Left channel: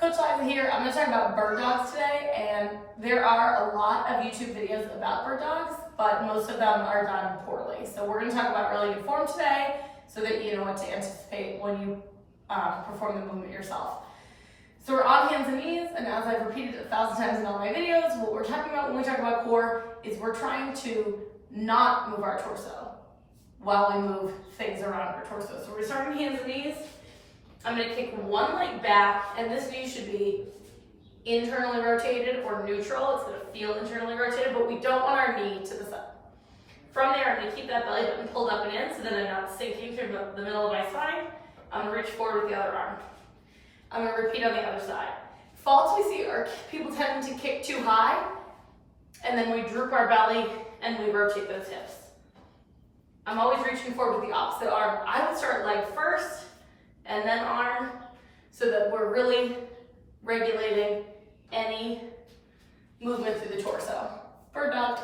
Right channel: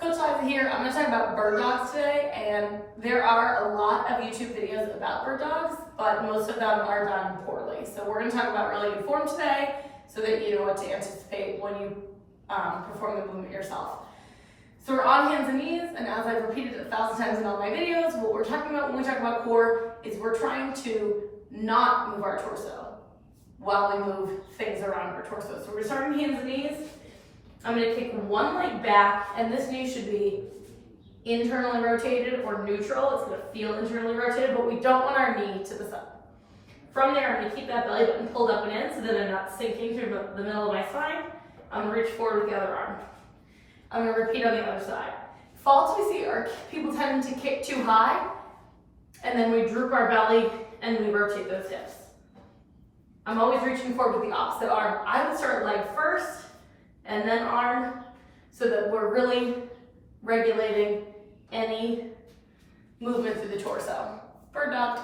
Coach Liza here. I'm going to talk about bird dogs today, and there are a lot of YouTube videos about bird dogs, but most of them are done poorly. So we're going to talk about really good form today so that you know what to anticipate when you perform the movement yourself. So we're on hands and knees, and as I've repeated 1,000 times in all my videos, what we're talking about when we talk about core is we're trying to not move our torso while we move things around our torso. So we're starting hands and knees. I'm going to kick one leg back, and this knee should be internally rotated or neutral. It's going to feel internally rotated, but we don't want our knee to the side. From there, I'm going to keep that belly button pulled up and in so that I'm not sinking through the middle of my spine. I'm going to reach forward with the other arm. I'm going to repeat on the other side. Faults we see are people tending to kick too high, and then we droop our belly and we rotate those hips. I'm always reaching forward with the opposite arm. I would start leg first, and then arm, so that we're really regulating any movement through the torso. Bird dog.